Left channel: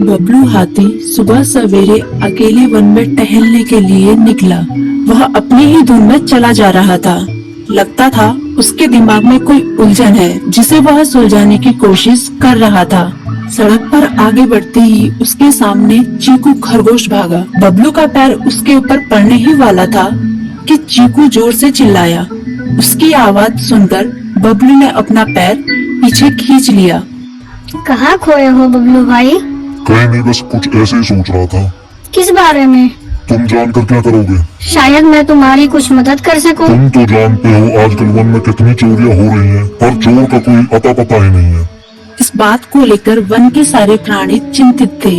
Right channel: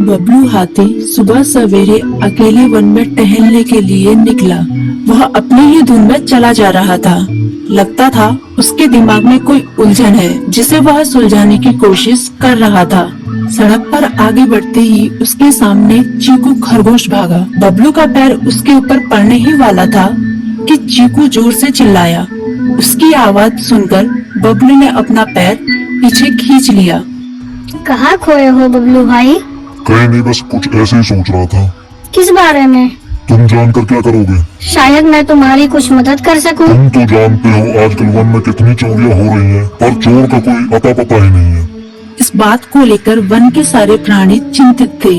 बबलू हाथी सुबह सवेरे अकेले वन में टहलने के लिए निकला। वह अपनी ही धुन में चला जा रहा था। लगता था उसके दिमाग में कोई उलझन है जिसे वह सुलझाने की कोशिश कर रहा था। सड़क पर आगे बढ़ते ही उसके सामने चीकू खरगोश भागा। बबलू का पैर उसके ऊपर पड़ने ही वाला था कि चीकू जोर से चिल्लाया। उसकी आवाज सुनकर बबलू ने अपना पैर पीछे खींच लिया। कहाँ खोए हो बबलू भाई? कहीं नहीं, बस कुछ ऐसे ही सोच रहा था। किस बारे में? तुम जानकर क्या करोगे? शायद मैं तुम्हारी कुछ मदद कर सकूं। तुम तो जानते हो आजकल वन में कितनी चोरियां हो रही हैं, पर चोर का कोई अता पता ही नहीं है। इस बात को लेकर वन के सारे प्राणी चिंतित थे।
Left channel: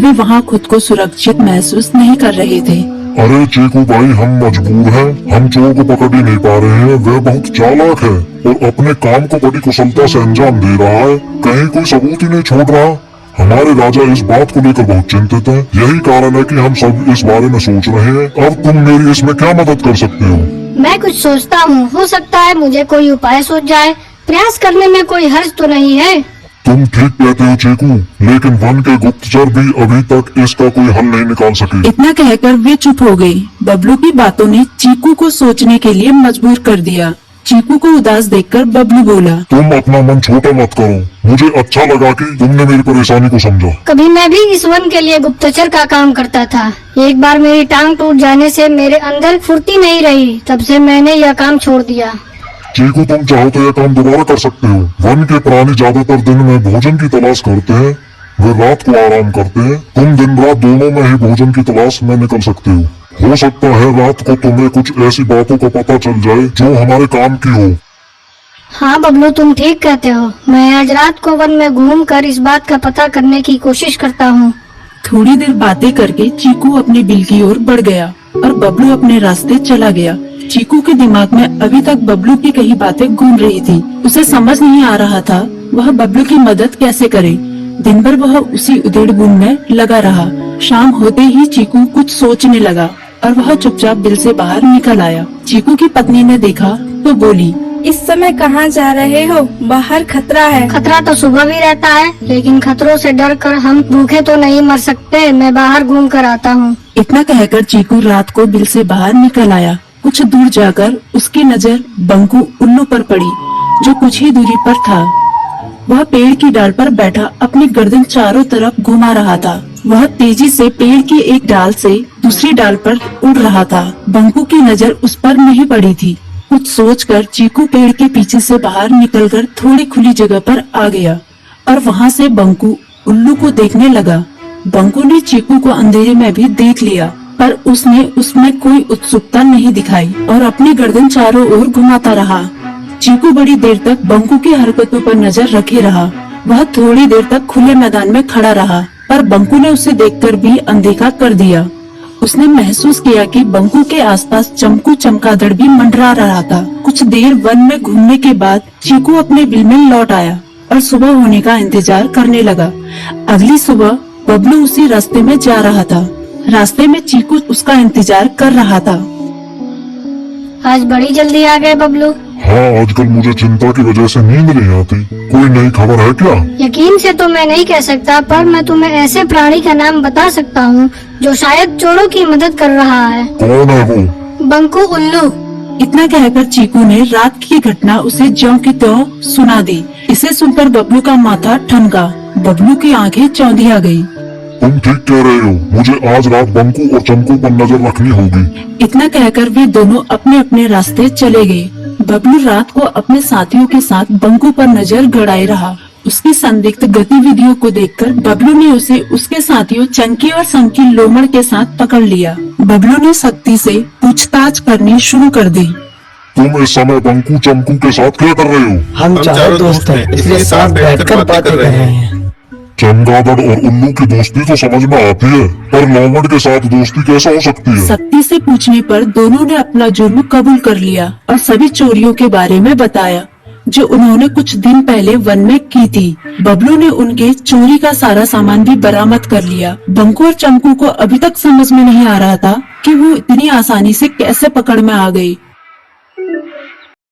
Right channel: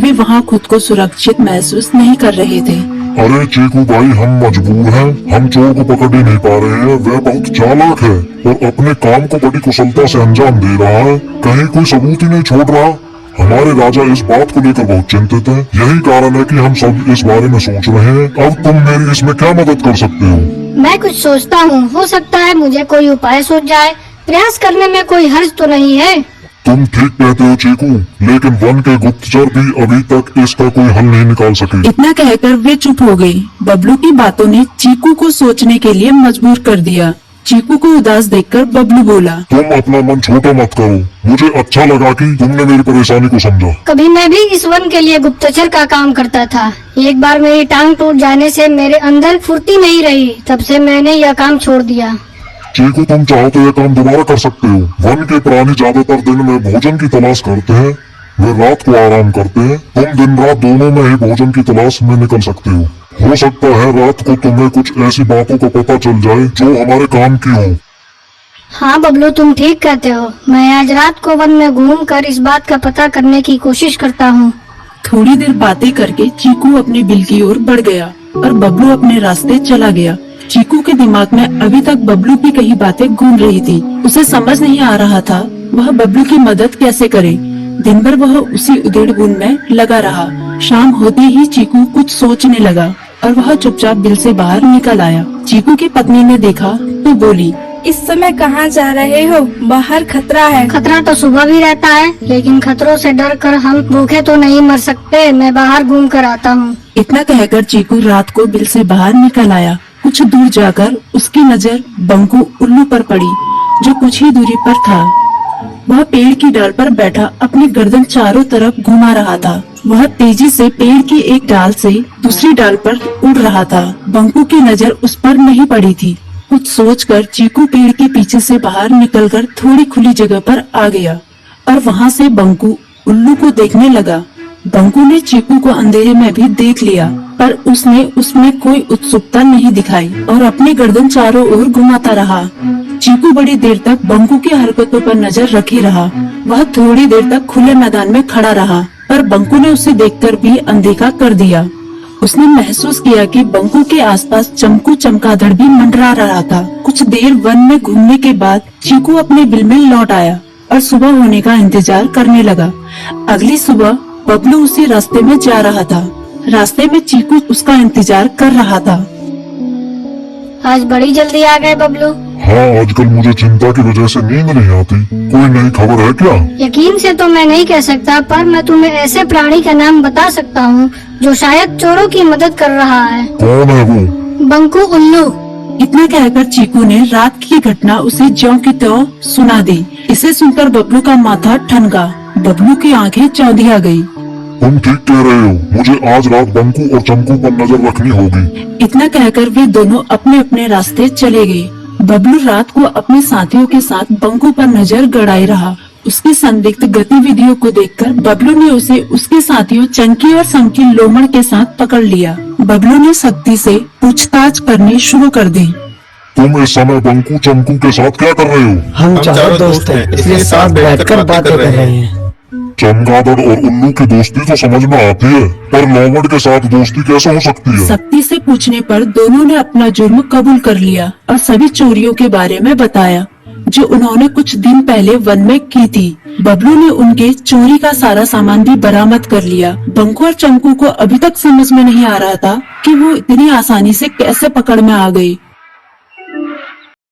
वे वहाँ खुद को सुरक्षित महसूस नहीं कर रहे थे। अरे चीकू भाई, हम मजबूर हैं। हम चोर को पकड़ ही नहीं पा रहे हैं। वह बहुत चालाक है और अपने काम को बड़ी कुशलता से अंजाम दे रहा है। कहीं कोई सबूत ही नहीं छोड़ रहा। हमारे राजा इस बात को लेकर बहुत चिंतित हैं। यही कारण है कि हम सब इस बारे में सोच रहे हैं। अब तुम मेरी इसमें क्या मदद कर सकते हो? मैं कुछ सोचता हूँ, हो सकता है मुझे कोई उपाय सूझ जाए। प्रयास करने में कोई हर्ज तो नहीं है। तुम ठीक कहते हो चीकू, लेकिन वन के गुप्तचर भी अभी तक इसका कोई हल नहीं निकाल सके। इतना कहकर वे चुप हो गए। बबलू की बातों ने चीकू को सोचने के लिए मजबूर कर दिया। चीकू को उदास देखकर बबलू बोला, तुम अपना मन छोटा मत करो। मुझे अच्छा लगा कि तुमने मेरी परेशानी को समझा। कभी मैं भी इस वन के लिए गुप्तचर का काम करता था। एक बार मेरी टांग टूट जाने से मेरे अंदर फुर्ती नहीं रही। तब से मैंने यह काम छोड़ दिया। चीकू, तुम चाहो तो यह काम दोबारा कर सकते हो। वन के प्राणी ज्यादातर दिन में भोजन की तलाश करते हैं, वे रात को आराम करते हैं। तुम दिन रात दोनों में ही भोजन की तलाश में निकल सकते हो सकता है रात को तुम्हें कुछ ऐसी बातों का पता चल जाए जो हमारे काम की हो। हाँ बबलू, तुम ठीक कहते हो। मैं आज रात को वन में घूमकर इस बात का पता करने की कोशिश करता हूँ। थोड़ी देर बातें करके चीकू अपने बिल की ओर बढ़ गया और बबलू अपने रास्ते चला गया। चीकू के दिमाग में अभी तक बबलू की कई बातें घूम रही थी। उसे समझ नहीं आ रहा था वह बबलू की मदद कैसे करे। दिन भर वह उसी उधेड़-बुन में लगा रहा। शाम होते ही चीकू कुछ सोचने लगा और वह चुपचाप बिल से बाहर निकल आया। चीकू की पत्नी ने देखा तो बोली, इस समय कहाँ जा रहे हो? बाहर खतरा है। खतरा तो सुबह भी रहता है, लेकिन खतरों से डर कर हम भूखे तो नहीं मर सकते। मैं बाहर घूम कर आता हूँ। इतना कहकर चीकू रात को बिल से बाहर निकल आया। कुछ दूर जाकर उसकी नजर बंकू उल्लू पर पड़ी, जो कुछ ही दूरी पर था। वह पेड़ की डाल पर बैठा अपनी गर्दन चारों तरफ घुमा रहा था। वह तेजी से पेड़ की एक डाल से दूसरी डाल पर उड़ रहा था। बंकू की नजर उस पर नहीं पड़ी थी। कुछ सोचकर चीकू पेड़ के पीछे से बाहर निकलकर थोड़ी खुली जगह पर आ गया और वहाँ से बंकू उल्लू को देखने लगा। बंकू ने चीकू को अंधेरे में भी देख लिया, पर उसने उसमें कोई उत्सुकता नहीं दिखाई और अपनी गर्दन चारों ओर घुमाता रहा। चीकू बड़ी देर तक बंकू की हरकतों पर नजर रखे रहा। वह थोड़ी देर तक खुले मैदान में खड़ा रहा, पर बंकू ने उसे देखकर भी अनदेखा कर दिया। उसने महसूस किया कि बंकू के आसपास चमकू चमगादड़ भी मंडरा रहा था। कुछ देर वन में घूमने के बाद चीकू अपने बिल में लौट आया और सुबह होने का इंतजार करने लगा। अगली सुबह बबलू उसी रास्ते में जा रहा था। रास्ते में चीकू उसका इंतजार कर रहा था। आज बड़ी जल्दी आ गए बबलू। हाँ, आजकल मुझे चिंता की वजह से नींद नहीं आती। कोई नई खबर है क्या? यकीन से तो मैं नहीं कह सकता, पर मैं तुम्हें ऐसे प्राणी का नाम बता सकता हूँ जो शायद चोरों की मदद कर रहा है। कौन है वो? बंकू उल्लू। इतना कहकर चीकू ने रात की घटना उसे ज्यों की त्यों सुना दी। इसे सुनकर बबलू का माथा ठनका। बबलू की आंखें चौंधिया गई। तुम ठीक कह रहे हो। मुझे आज रात बंकू और चमकू पर नजर रखनी होगी। इतना कहकर वे दोनों अपने अपने रास्ते चले गए। बबलू रात को अपने साथियों के साथ बंकू पर नजर गड़ाए रहा। उसकी संदिग्ध गतिविधियों को देखकर बबलू ने उसे उसके साथियों चंकी और संकी लोमड़ के साथ पकड़ लिया। बबलू ने सख्ती से पूछताछ करनी शुरू कर दी। तुम इस समय बंकू चमकू के साथ क्या कर रहे हो? हम चारों दोस्त हैं, इसलिए साथ बैठकर बातें कर रहे हैं। चमगादड़ और उल्लू की दोस्ती तो समझ में आती है, पर लोमड़ के साथ दोस्ती कैसा हो सकती है? सख्ती से पूछने पर दोनों ने अपना जुर्म कबूल कर लिया और सभी चोरियों के बारे में बताया जो उन्होंने कुछ दिन पहले वन में की थी। बबलू ने उनके चोरी का सारा सामान भी बरामद कर लिया। बंकू और चमकू को अभी तक समझ में नहीं आ रहा था कि वो इतनी आसानी से कैसे पकड़ में आ गई।